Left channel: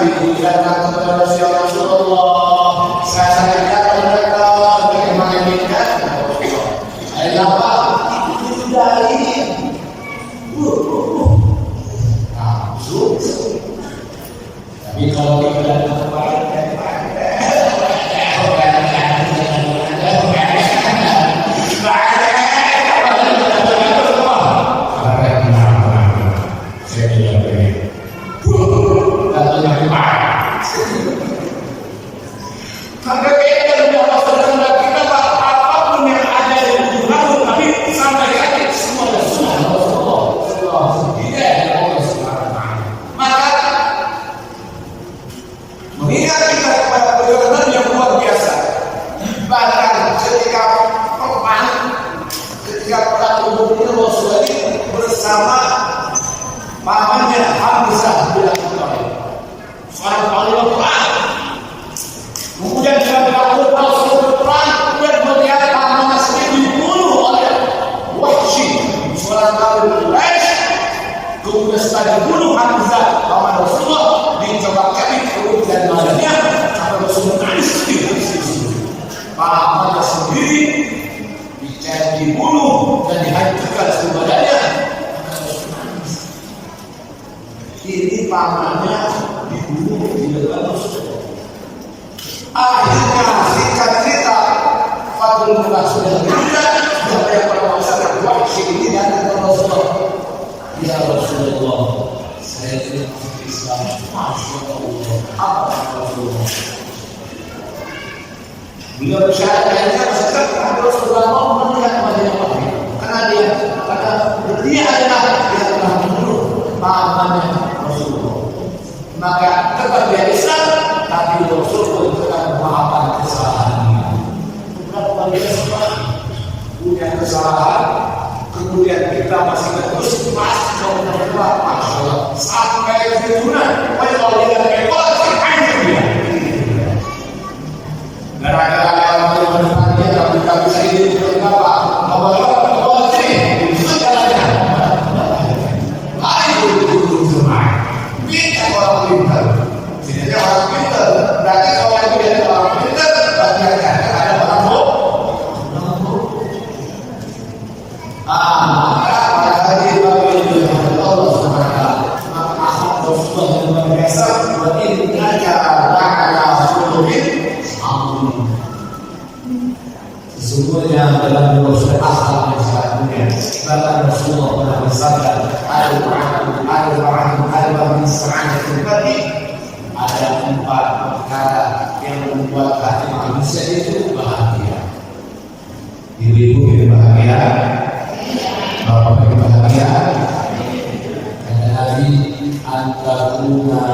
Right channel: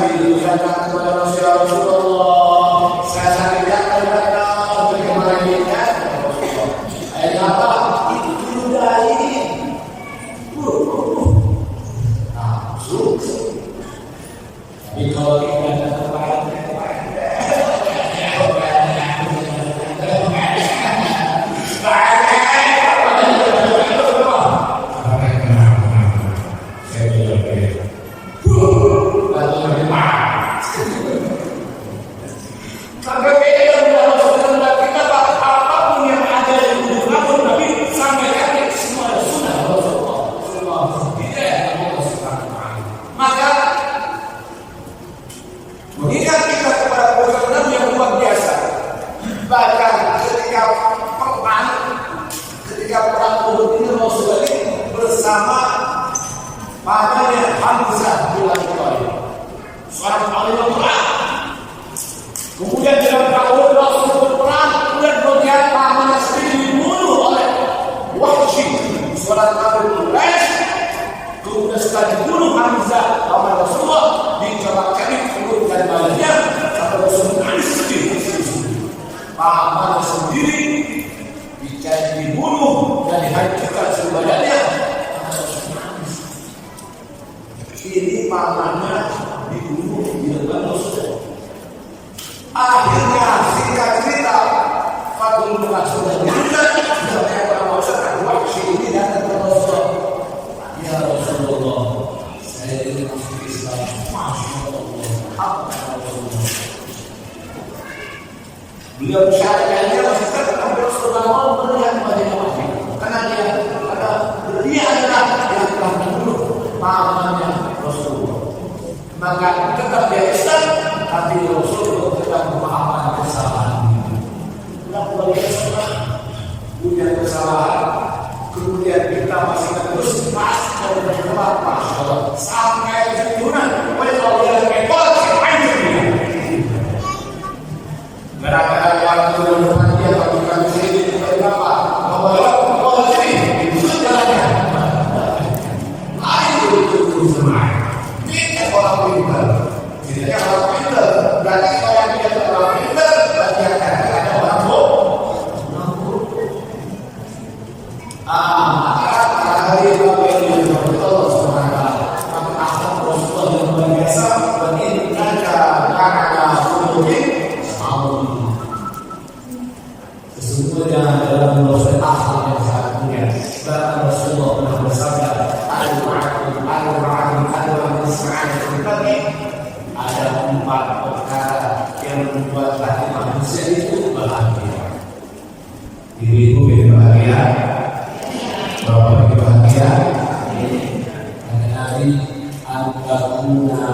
Nabi itu datang kepada Rasulullah. Saya sakit datang bagaimana dia? Saya apa? Itu dari tapi kalau kita datang kepada pamannya Hamzah bin Abi Thalib, seorang ahli Quran. Kemudian dalam tahun Rasul Quran, kemudian melihat pamannya sendiri dibunuh oleh Wahsy, seorang kafir Quraisy. Kemudian setelah dibunuh Hamzah, paman Rasulullah, dicobak-cabik perut dan badannya sampai Rasul menangis sedih. Pamannya sendiri dibunuh dan dihancurkan seluruh badannya. Ini pamannya dibunuh di depan Rasul. Akhirnya singkat cerita, Fatul Mullah sudah meninggal. Sudah banyak orang masyarakat Wahsy ini datang ke Rasulullah. Ya Rasulullah, saya tidak masuk Islam. Masya Allah. Apa Rasulullah? Beliau bersyaratnya masyarakat Nabi Rasulullah mau melihat wajahnya Wahsy, karena dia adalah yang telah membunuh pamannya Rasulullah. Maka tetap dia Islam, tapi Rasul pun tetap memaafkan kesalahannya. Berapa kali dia punya kesalahan, kemudian kita masih terus pas kalau terjebak, masya Allah, sampai keturunan. Wajah kalau dia repot, hancur dia. Gara-gara orang teman-teman dia, kami saya ini tidak apa, kalau sini, itu jalannya. Orang pintar, setidaknya orang pintar. Berarti kalau yang tidak ada orang pintar, berarti yang ada orang bodoh. Maka pada hari Bapak Ibu yang Allah Subhanahu wa Ta'ala, maka akhlak Rasulullah yang luar biasa. Berarti innaka la'ala khuluqin 'azim. Sesungguhnya dalam Rasul akhlak yang sangat mulia. Bahkan Rasulullah pernah bersabda, ada 4 perkara yang membuat hati manusia itu bahagia. Ibu-ibu kita bahagia, bapak kita bahagia. Kata Nabi, antakuna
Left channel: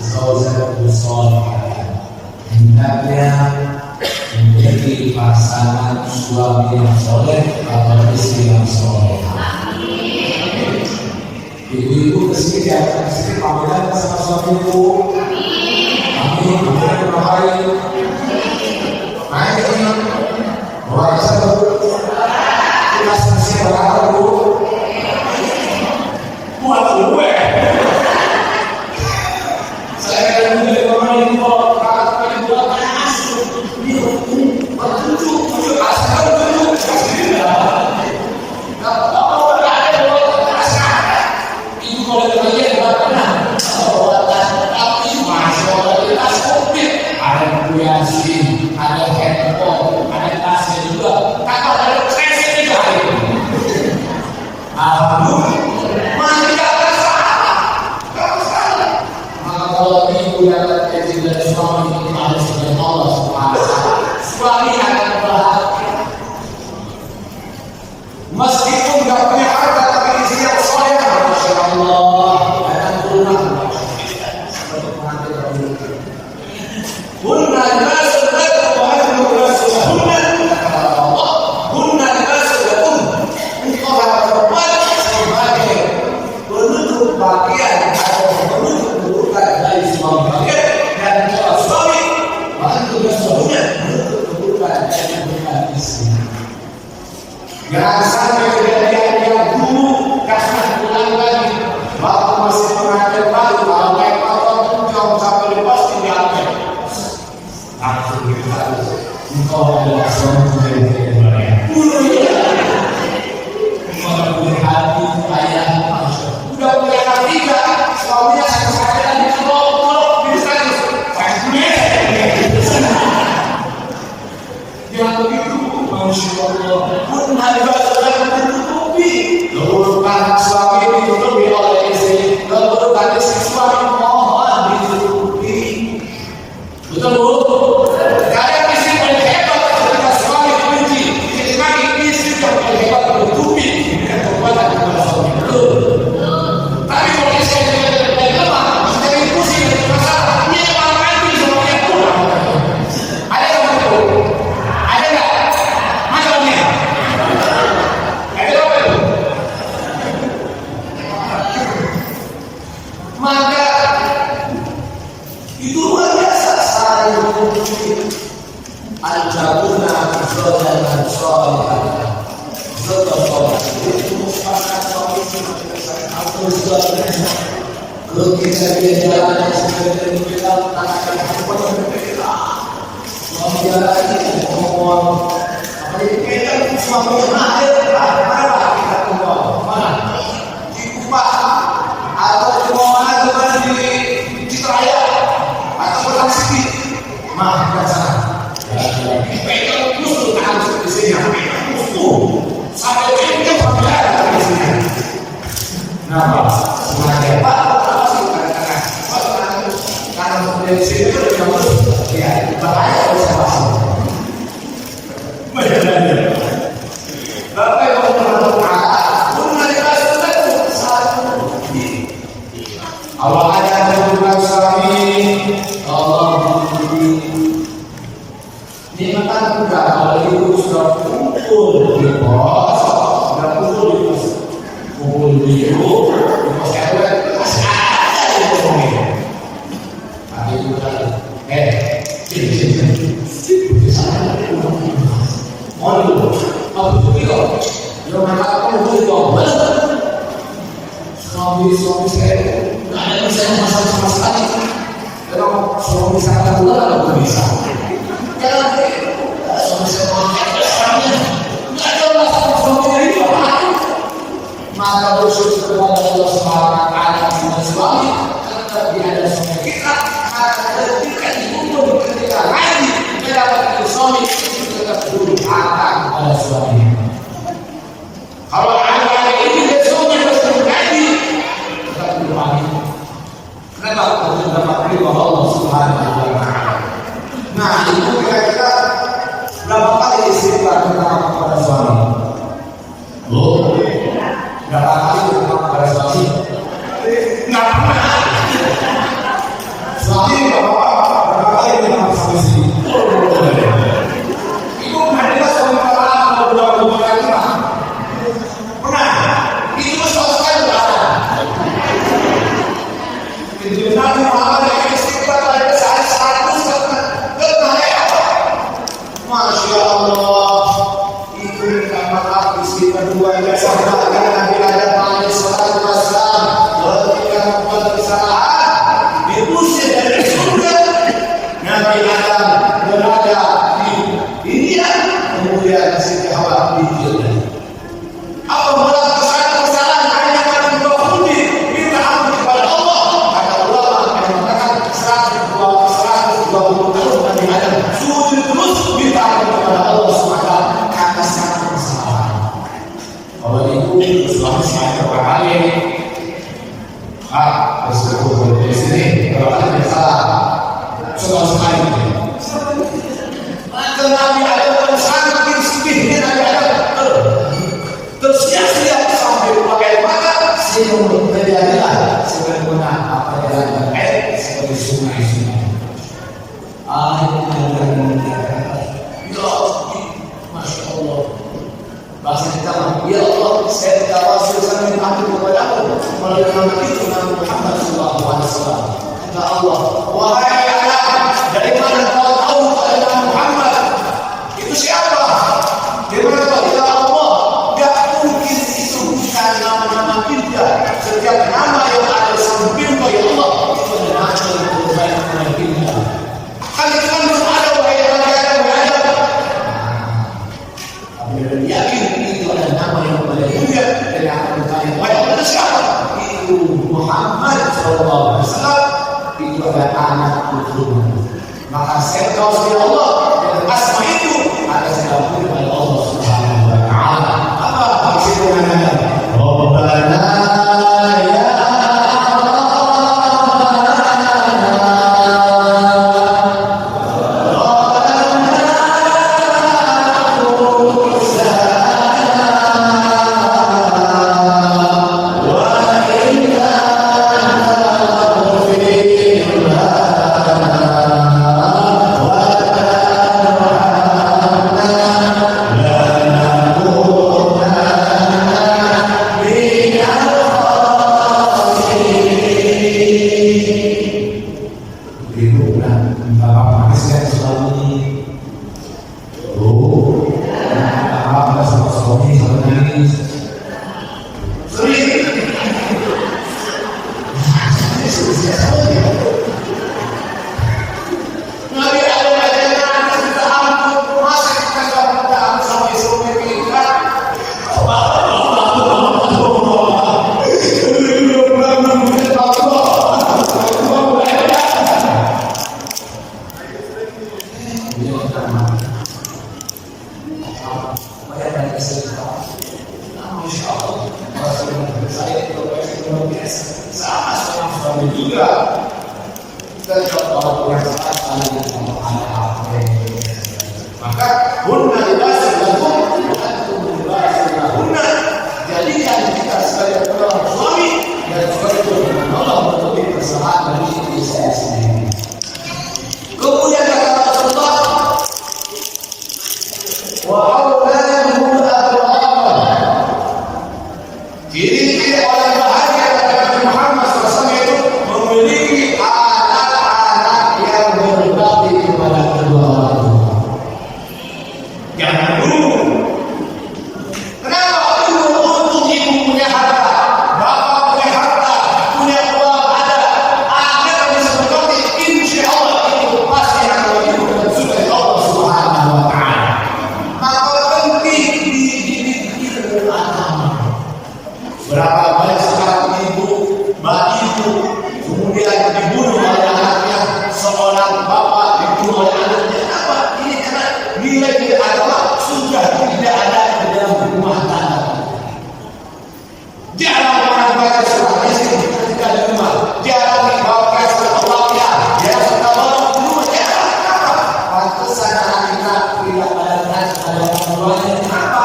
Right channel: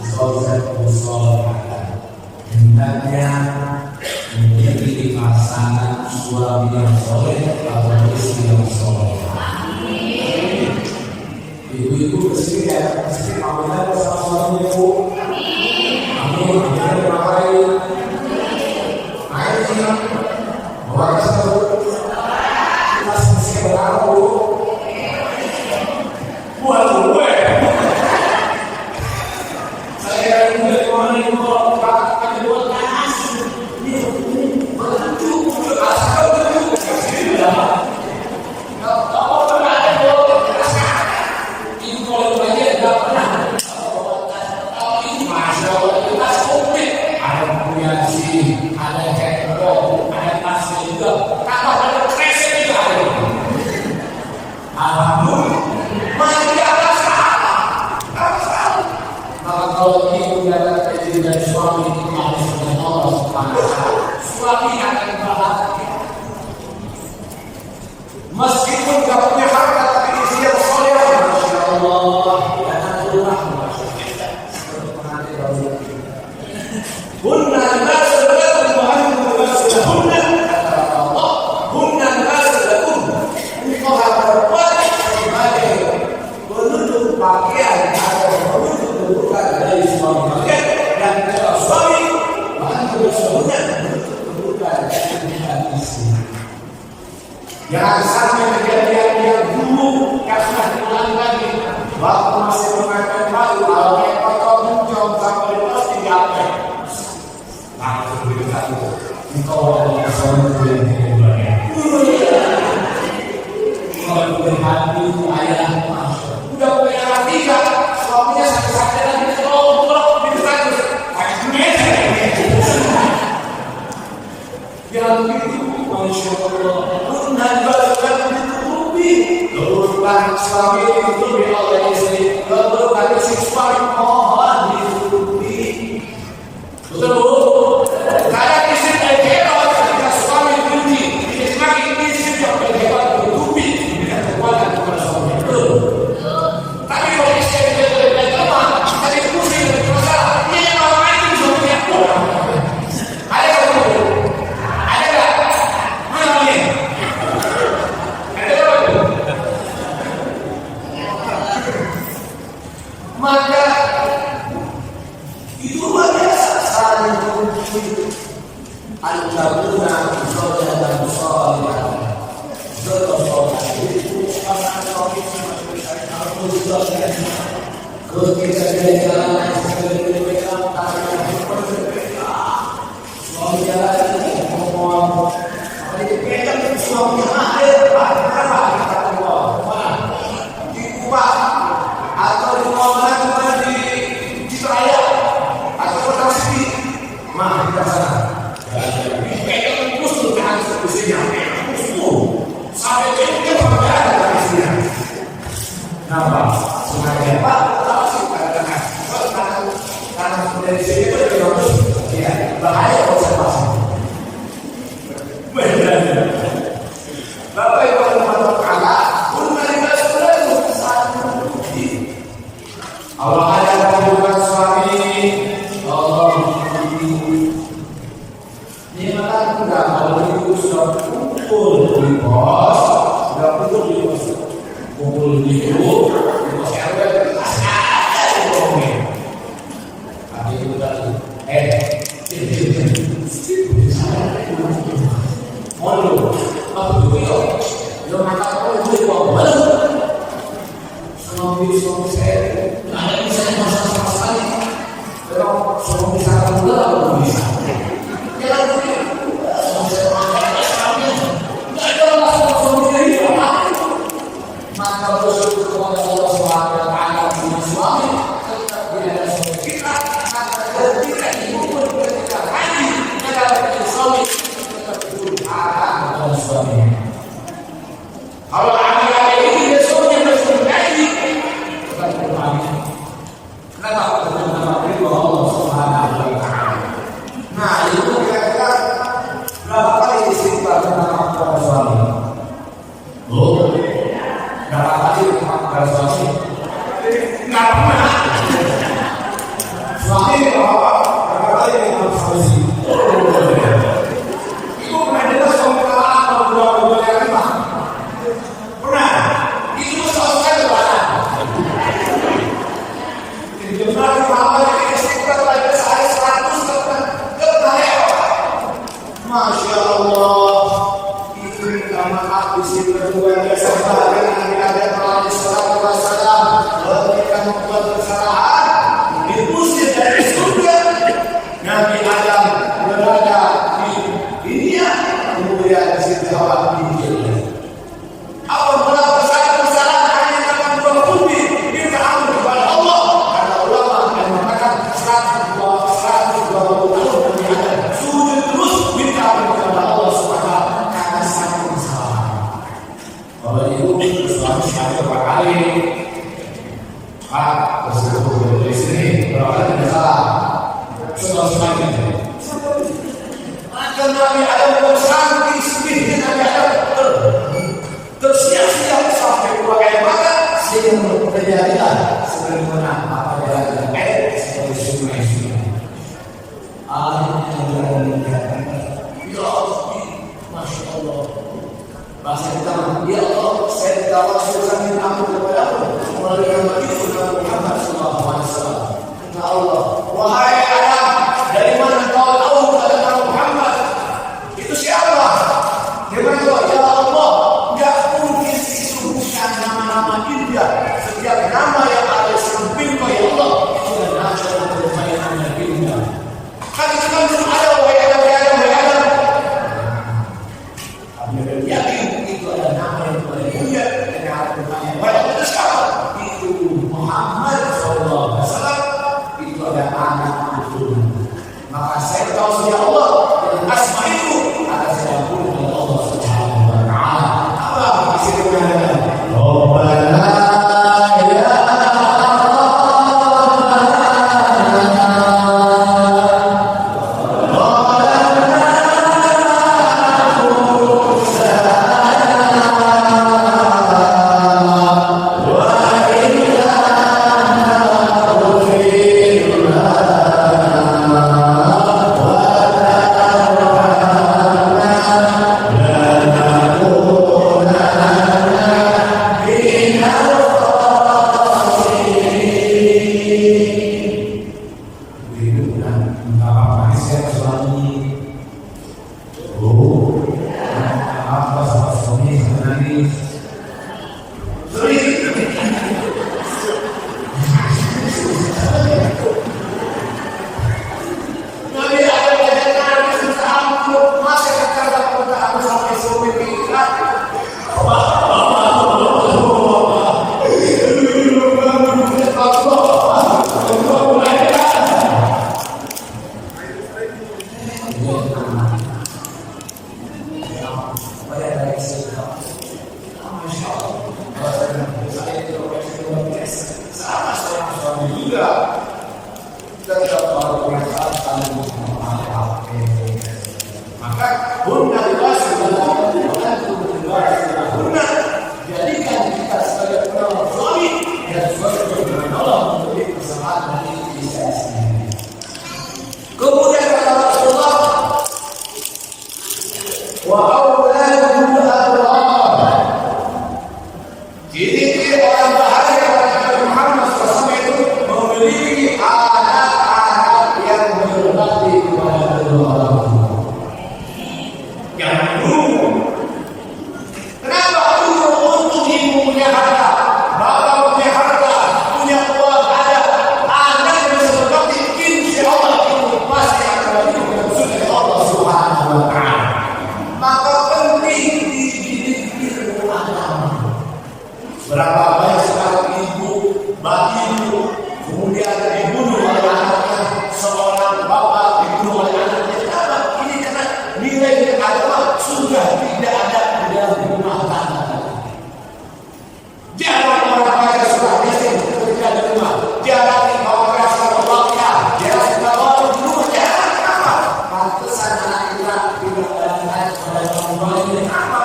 zaujatu shalihah, hendaknya menjadi pasangan suami yang soleh atau istri yang soleh. Ibu-ibu kesini datang kesini pamitan sama suami ibu. Amin. Amin. Berbahagia. Naik ini. Bawa satu. Kita selesai berapa bu? Buat gue. Saya kira juga di mana ibu kakak buat panas. Ini bertujuh asal tujuh kasih dia. Ada handphone, ada tasnya juga, kakak ada kresek juga. Alhamdulillah, masih tidak ada salah. Maka kalau ibu dapat izin dari suami itu harus dengan Allah Subhanahu wa Ta'ala, suami akan bahagia. Meskipun tidak punya harta, tapi istri yang soleh, masya Allah, datang ke rumah kita seperti pengantin dahulu. Bunna bagian atau menuntut keburukan dari suami kalian, dan kalau suami menuntut keburukan dari istri. Jangan sampai kejadian yang dulu kasih ulang lagi waktu masih mengajar baru kalau kayak patok muncul sampai jalan sebenarnya kita akan berbeda. Suami jalan ngomong apa jadi beda suaminya mahir mana pak kita keluar mana di Kubah atau di mana di Citraya atau Kota Siti mah di sana pegang terus tuh tahan di sini pegang terus sampai pegang sampai ada di sini. Nah, sengaja Pak, apa sih kadang-kadang karena dari sini itu pegang terus ya bahaya kalau saya masuk. Benar. Bapak Ibu Subhanahu wa taala pun dari sudah satu Allah hanya menunjukkan suami Allah ini makan udah kalau itu sudah kumpul di pos sudah kumpul di pos kumpul di pos RW masih ada di ngomongin tapi itu tadi mau dulu apa itu yo makan kamu boleh bawa suami saya nggak ada bisa masak sama sekali kalau suami saya kata gula nggak bisa jangan suami saya makan nggak ada masalah suami itu maka bersyukur kepada Allah Subhanahu wa taala dengan suami tetap dia ada suami kita maka ketika dikumpul ketika haji mendapatkan suami itu tetap durhaka kepada suaminya. Kalau ada itu dia suaminya masih haji tetap durhaka. Kenapa? Karena dapat ridho Allah Subhanahu wa taala. Nah, itu kira-kira berapa kali istighfar kepada suami? Berapa kali kepada suami? Nggak pernah. Suami berapa kali kepada suami? Ibu pernah dengar suami kalah kalau budak-budak yang lima? Pernah? Itu masalah sekali nggak ada. Itu Nabi Muhammad yang istighfar pada sehari 100 kali apa? Masya Allah. Itu minta maaf istighfar dua jasa bahkan Nabi Adam alaihissalatu wassalam ketika membuat kesalahan diusir dari surga. Nabi Adam berada di dunia kemudian Siti Hawa di surga. Apa melakukan kesalahan hanya karena berbudi minta ampun kepada Allah. Kata ulama yang mengatakan 120 tahun Nabi Adam sujud terus minta ampun kepada Allah SWT karena satu kesalahan. Kalau itu bersuami berapa kali? Bersuami dari sini berapa kali bersalah? Sekali. Maka Nabi Adam pun saking sedihnya Nabi Adam tersiap-siap sampai keluar air mata sehingga terjadilah sebagaimana apa jalan air seperti sungai-sungai. Akhirnya Nabi Adam mengucapkan, ya Allah, Masya Allah. Bahasa kita mah, ya Allah, saya tawasul sambil ampun kepadamu melalui nama itu Nabi Muhammad SAW. Kata Allah, wahai Adam, dari mana kau tahu pada nama Muhammad? Itu siapa? Dari mana kau? Ya Allah, gak mungkin itu bukan nama-nama indah. Setiap nama yang ada samping kau ya Allah, itu adalah nama yang terbaik dan indah. Kan itu kan belum ada wahai Adam, wahai Adam. Tapi dia yakin itu adalah nama yang paling mulia dari akan bertanya, wahai Allah itu siapa? Itu Muhammad SAW. Itu adalah anak putu. Maka saya tahu ya Allah dengan asma itu akan saya ampuni oleh Allah Subhanahu wa taala. Apa isi doanya? Rabbana ya yang salah kali maka hunna libasun lakum wa antum libasun lahunna. Jadikan kita sebagai penolong suami dan sebagai penolong menutupi kesalahan dari istri sendiri. Kemudian kata Rasulullah, wa auladuhum abrar. Ciri-ciri orang bahagia pada Nabi Muhammad SAW itu memiliki anak-anak yang berbakti kepada kedua orang tua. Jangan dulu. Kenapa dulu untuk ibu punya harta, bapak punya harta, punya uang ada, anak bisa berbakti, insya Allah itu pasti akan wajib sudah Allah Subhanahu Wa Taala. Maka penting dididik ilmu agama. Berapa banyak sekarang ibu, kemudian dibunuh oleh anaknya, seorang bapak dibunuh oleh anaknya. Kenapa? Ini karena nilai-nilai agama sudah tidak ada di dalam rumah tangga. Jarang orang baca surah Yasin ketika di rumah, jarang dibawa keras Al-Fatihah, jarang dibawa di rumah, jarang. Kenapa? Pantesan anak kita tidak pada orang apa?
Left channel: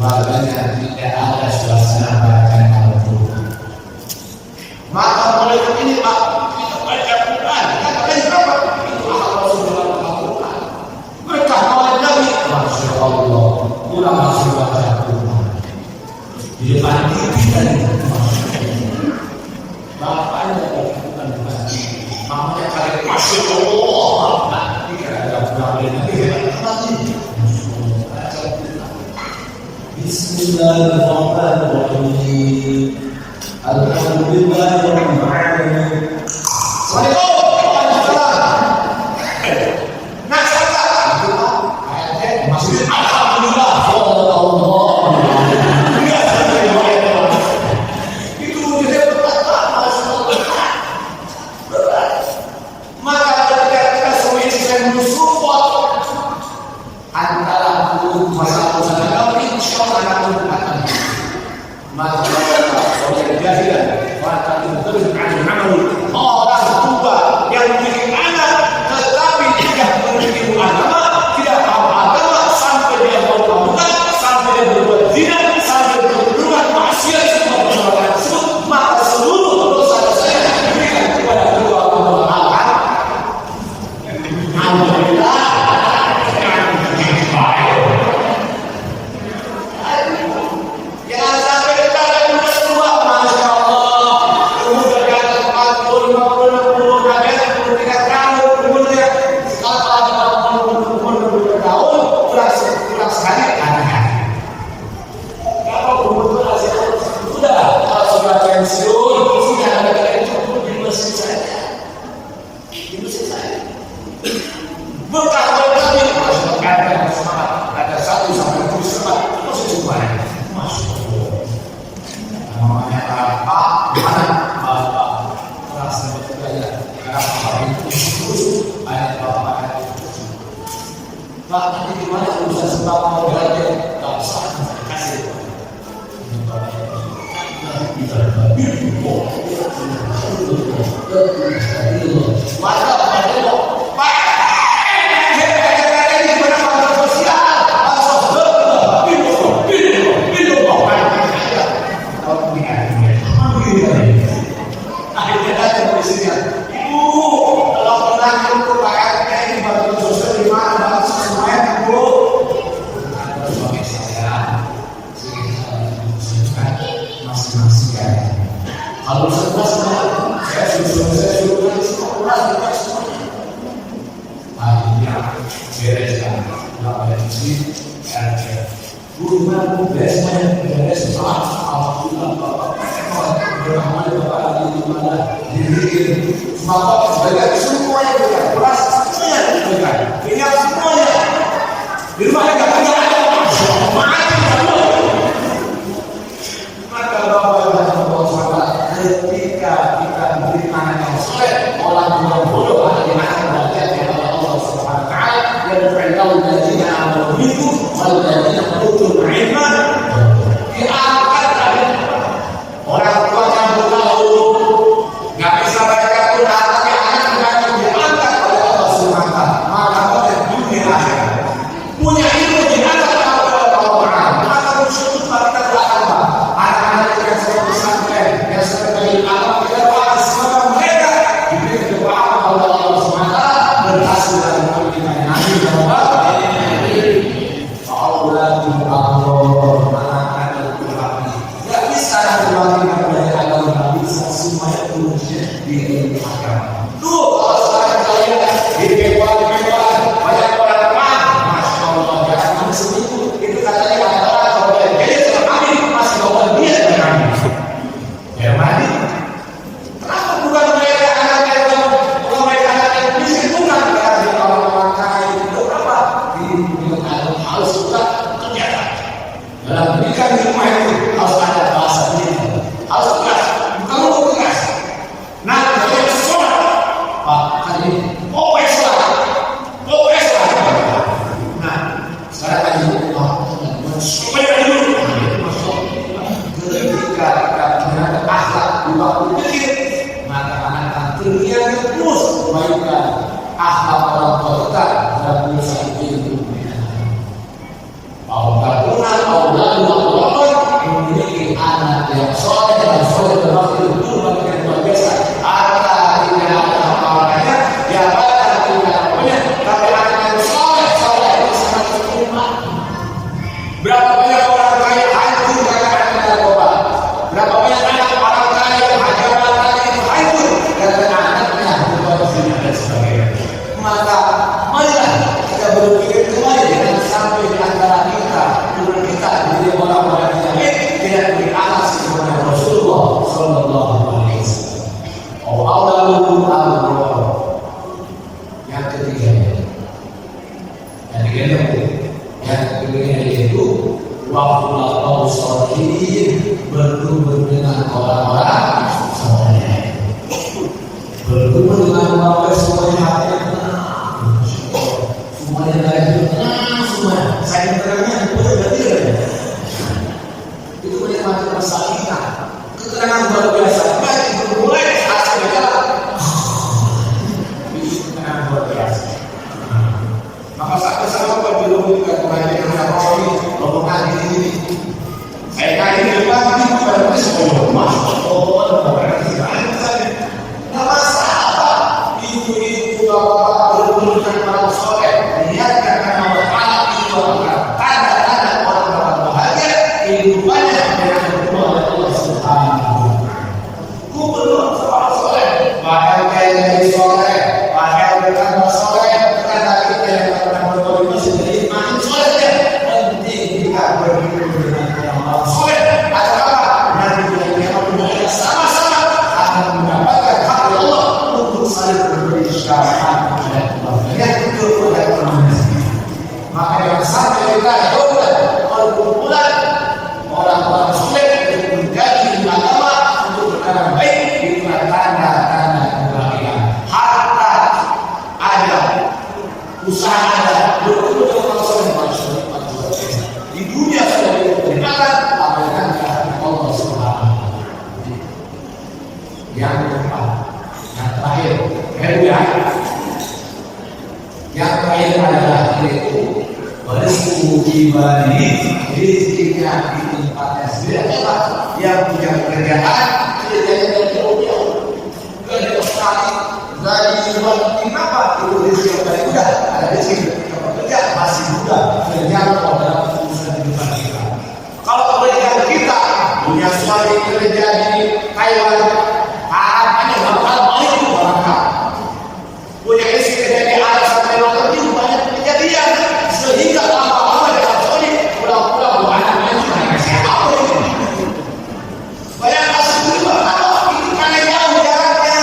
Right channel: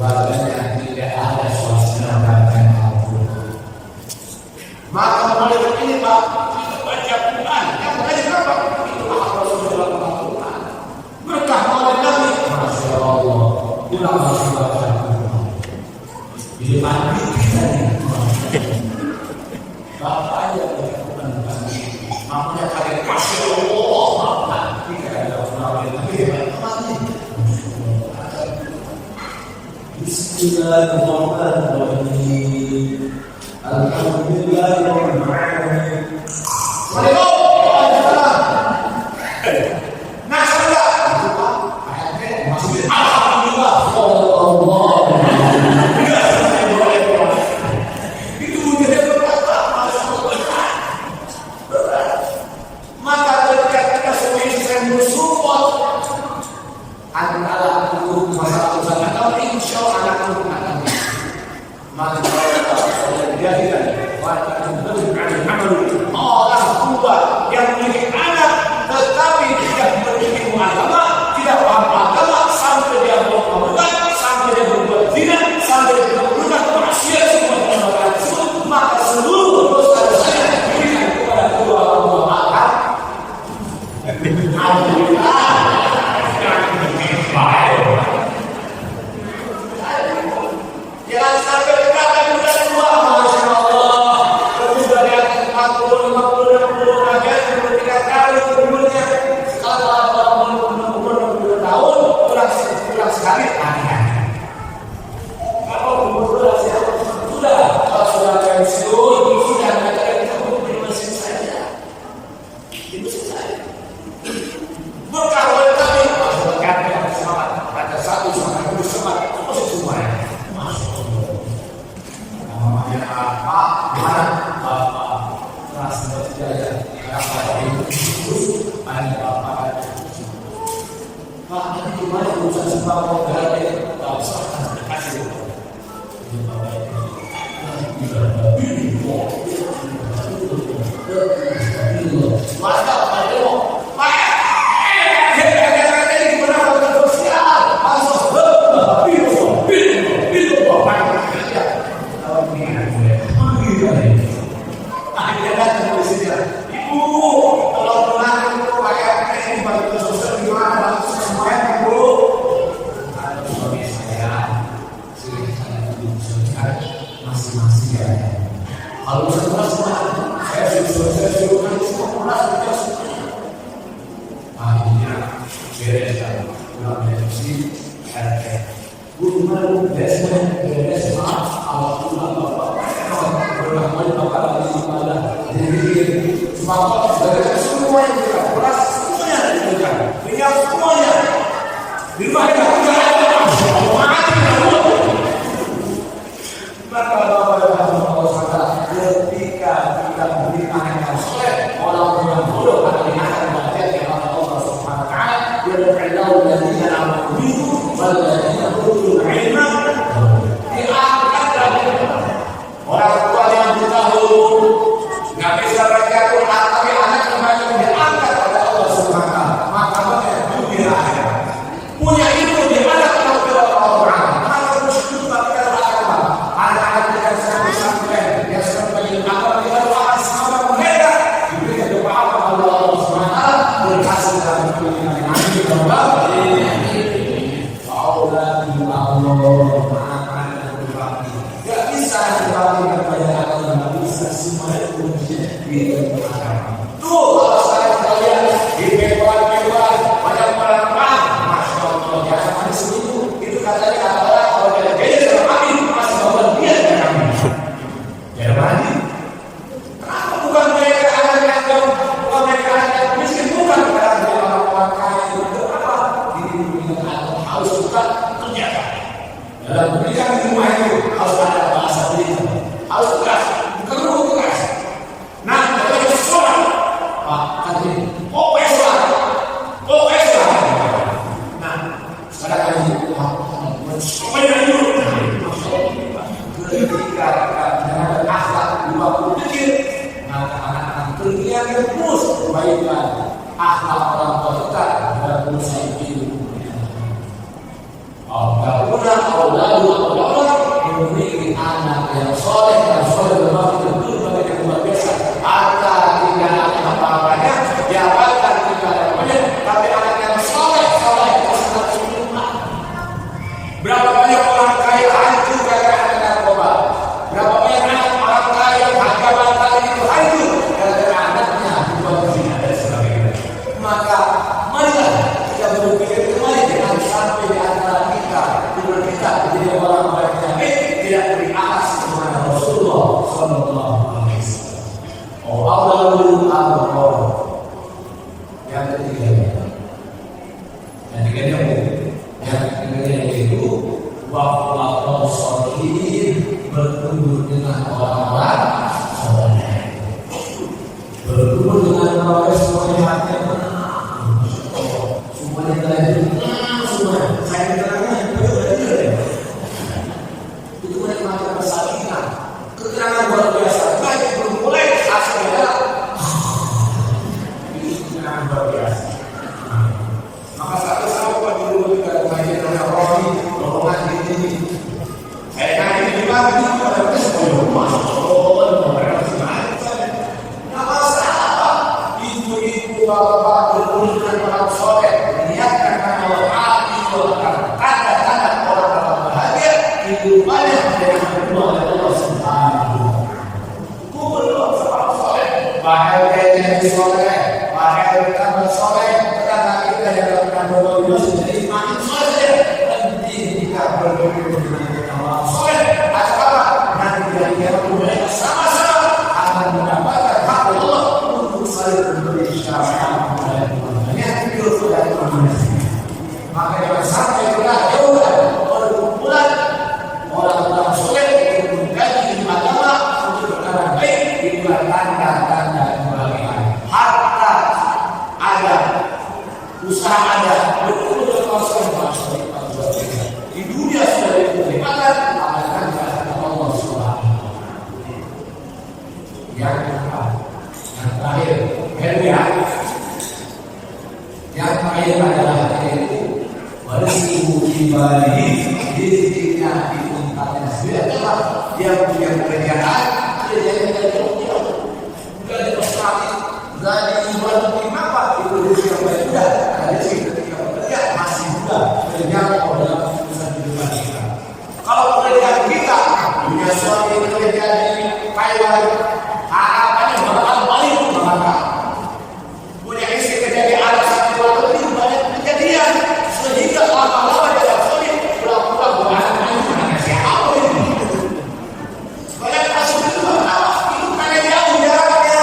Warganya tidak ada suasana bacaan Al-Quran. Maka mulai ini Pak, kita baca Quran. Yang berani berapa? Itu akal Rasulullah Al-Quran. Berkah oleh Nabi. Masya Allah. Pulang masih baca Quran. Di depan kita ini. Bapaknya baca Quran di depan. Mamanya kali Masya Allah. Bapak. Ini ada pulang oleh Nabi. Hebat ini. Bismillahirrahmanirrahim. Alhamdulillahirabbil alamin. Waalaikumsalam. Nah, saudara, itu Pak, ayatnya maksudnya alhamdulillah. Itu wujudnya berat, masyaallah. Berat. Maka ketika kita semua ini saya mensupport antara masalah urusan agama, insya Allah anak itu akan maka oleh jahilan maka terus amalu orang tua yang memiliki anak tetapi tidak memiliki agama, tidak paham agama, sampai dia mau kamukan, sampai dia berbuat zina, sampai berbuat maksiat semua kesalahan tersebut, maka seluruh dosa-dosanya diberikan kepada kedua orang tua. Alhamdulillah. Jangan sampai kita akan muda tua, Masya Allah. Muda di atas 40, 50, 60, naga 63 tahun, umurnya. Kalau ada umur 62 tahun, pulang sekali, hati-hati. Kalau umur itu rasanya sudah, kalau sudah pensiun, sudah ada yang cukup di mesin saja. Di mesin saja. Berkah oleh Nabi, Masya Allah, semangat. Ada satu sampai 7 semangat, itu masih semuanya. Namanya apa? Mana bapak keras dapat hidayah? Karena bapak itu banyak bapak yang Pak, nanti gimana urusan sembako gratis? Tak usah, nanti kasih deh Pak. Ini bapak itu bisa maka Pak Dewo, Pak, ini gimana bantuan sosial? Akhirnya datang polisinya, Ibu, tolong tenangkan itu Pak RT, ini bantuan sosial di mana? Bantu semuanya Ibu. Ada suami saya, sering saya diberikan masing-masing ya. Kalau saya suruh kan semua pulas bukan semuanya. Akhirnya beres kan, pulang dari sini RT. Bu, gimana Bu? Beres semuanya, beres. Alhamdulillah Bapak. Berkahman Bapak lagi di mana? Diri sembako sebagai semuanya diberikan, beras semuanya diberikan, minyak semuanya. Di rumahnya nggak punya ada, Masya Allah, mati semua. Maka Bapak yang Allah SWT, ketika kita memberi anak yang soleh, orang yang bodoh akan diangkat derajatnya oleh Allah Subhanahu Wa Taala. Yang berilau dari amal itu, wal dari utul ilmu diangkat derajatnya. Orang tua yang tahu nggak bisa baca Quran tapi anak membaca ini OS lah. Nah, sekarang aja teman-teman semuanya dulu. Nah, itu maksudnya ketika terhadap akhlak di waktu kecil, maka anak akan terbiasa terus kebaikan akhlak orang tua kita dalam urusan ilmu. Apabila Allah memiliki anak yang soleh dan soleh bermakna itu bagi yang luar biasa. Harta tidak ada apa-apanya, jabatan tidak ada apa-apanya, tapi anak yang soleh itu sangat sempurna. Berapa banyak orang kaya hancur karena narkoba? Berapa banyak anak orang kaya jabatannya itu hancur karena anaknya berbuat zina dan sebagainya. Maka marilah kita berpikir kembali, jangan sampai di antara kita menjadi orang-orang yang baik, tidak beri akhlak kepada Rasulullah Sallallahu Alaihi Wasallam. Yang ketiganya yaitu waqtul sholihin, bertemu dengan orang-orang soleh, bertemu dengan orang-orang semuanya semuanya saya tenangnya betul berarti itu menikmati persalinan, ketenangan luar biasa. Baik bermulai hasilnya adalah itu ketenangan luar biasa. Maka satu sama Pak di rumah juga kemarin namanya Romi, rombongan ini. Saya nanya di depan itu pada semua masuk Allah mereka gimana saja. Nggak masalah. Itu bapak bertemu dengan orang soleh, niatkan karena Allah Taala itu akan tanda-tanda orang-orang bahagia kehidupannya dengan berdoa oleh Allah Subhanahu. Ku berdoa sama orang soleh, bahagia jadi soleh, bahagia bertambah soleh, tetangga kita yang pernah berdoa di masjid jadi makin soleh saja. Penting kita berdoa dengan orang soleh. Atau apa? Nanti bila kiamat dunia sama-sama akan mendapatkan hak Allah untuk saling berbagi syafaat. Maka jangan sampai kita jauhkan perkumpulan orang-orang soleh untuk menjadi agama untuk perkara baik. Itulah tanda-tanda kebahagiaan. Harta ada, usaha ada, berkumpul dengan orang soleh manusia luar biasa. Di dunia sudah diperlihatkan, amalkan kehadiran Allah Subhanahu. Yang keempat, yang terakhir, yang terakhir adalah yaitu warismu ibadi, rizkinya di tempatnya sendiri. Apa? Yang punya pekerjaan, kerjanya dari jauh-jauh, nggak di Australia, nggak di luar negeri. Apa? Itu rezeki yang paling mudah. Ada rezeki ketika bekerja masih mudah. Kerja dalam urusan kehidupan kita. Kalau pekerjaan kita punya suami kerja di Taiwan, harapannya bakal balik ke Bangka. Punya istri kerja di Arab sampai luar negeri, banyak kejadian sehingga lama-lama dia sulit pulang-pulang buat anak-anak itu hanya siapa ini. Banyak kasus juga itu karena jauh jaraknya,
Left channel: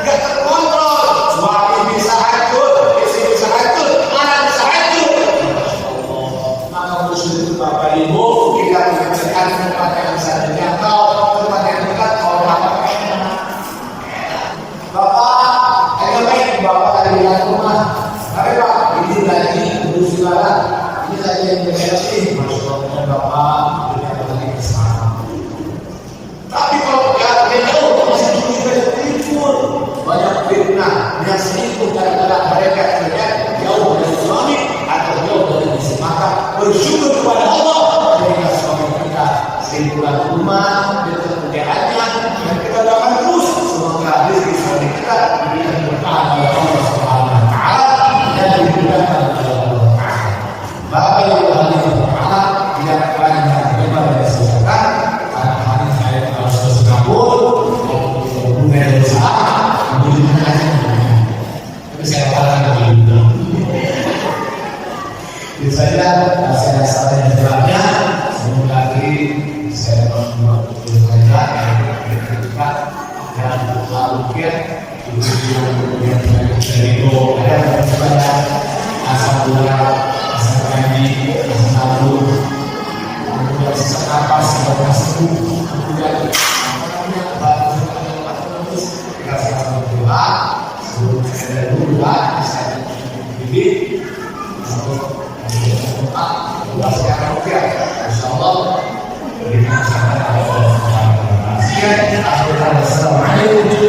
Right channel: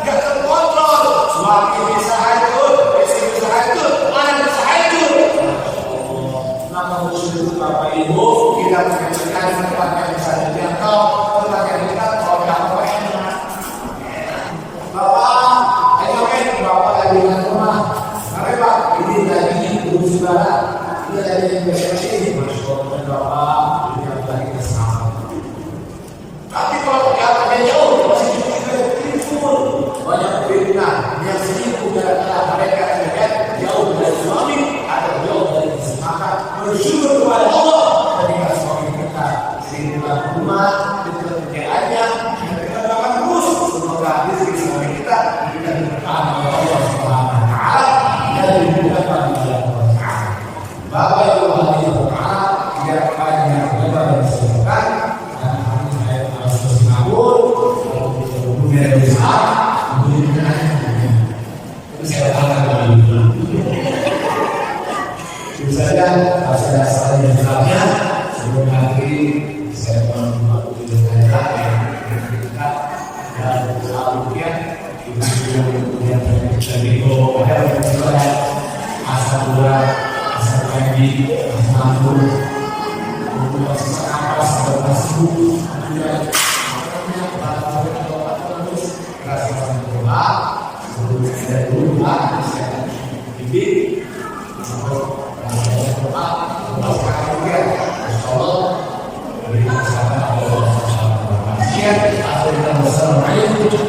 nggak terkontrol. Suami bisa hancur, istri bisa hancur, anak bisa hancur. Maka musuh itu Bapak Ibu, kita punya kerjaan di tempat yang bisa terjangkau, tempat yang dekat, kalau apa-apa enak. Bapak lagi di rumah, tapi Pak ini lagi urus barang, ini lagi investasi, masuk ke Bapak, ini yang lagi bersama. Tapi kalau kerja jauh, masih juga timbul banyak fitnah, banyak selingkuh gara-gara mereka kerja jauh dari suami atau jauh dari istri. Maka bersyukur kepada Allah ketika suami kita selingkuhan rumah dan pekerjaannya, dan kita doakan terus semoga rezeki suami kita diberikan berkah oleh Allah Subhanahu wa taala dan dimudahkan oleh Allah Taala. Bapak yang berbahagia tidak banyak lebar dan silakan karena hari saya harus ke Singapura punya usaha tapi saya katakan dulu itu saja saya salah yang jelasnya sebelum nanti saya membuat video yang berdekat dan lalukian ibu yang dari itu ada banyak asam urat, asam pagi, asam lambung, kemudian sesak napas, sesak seru, kemudian batu atau terus kita sama berdoa sebelum rupiah. Insyaallah kita sama Allah Subhanahu wa taala. Sekian, assalamualaikum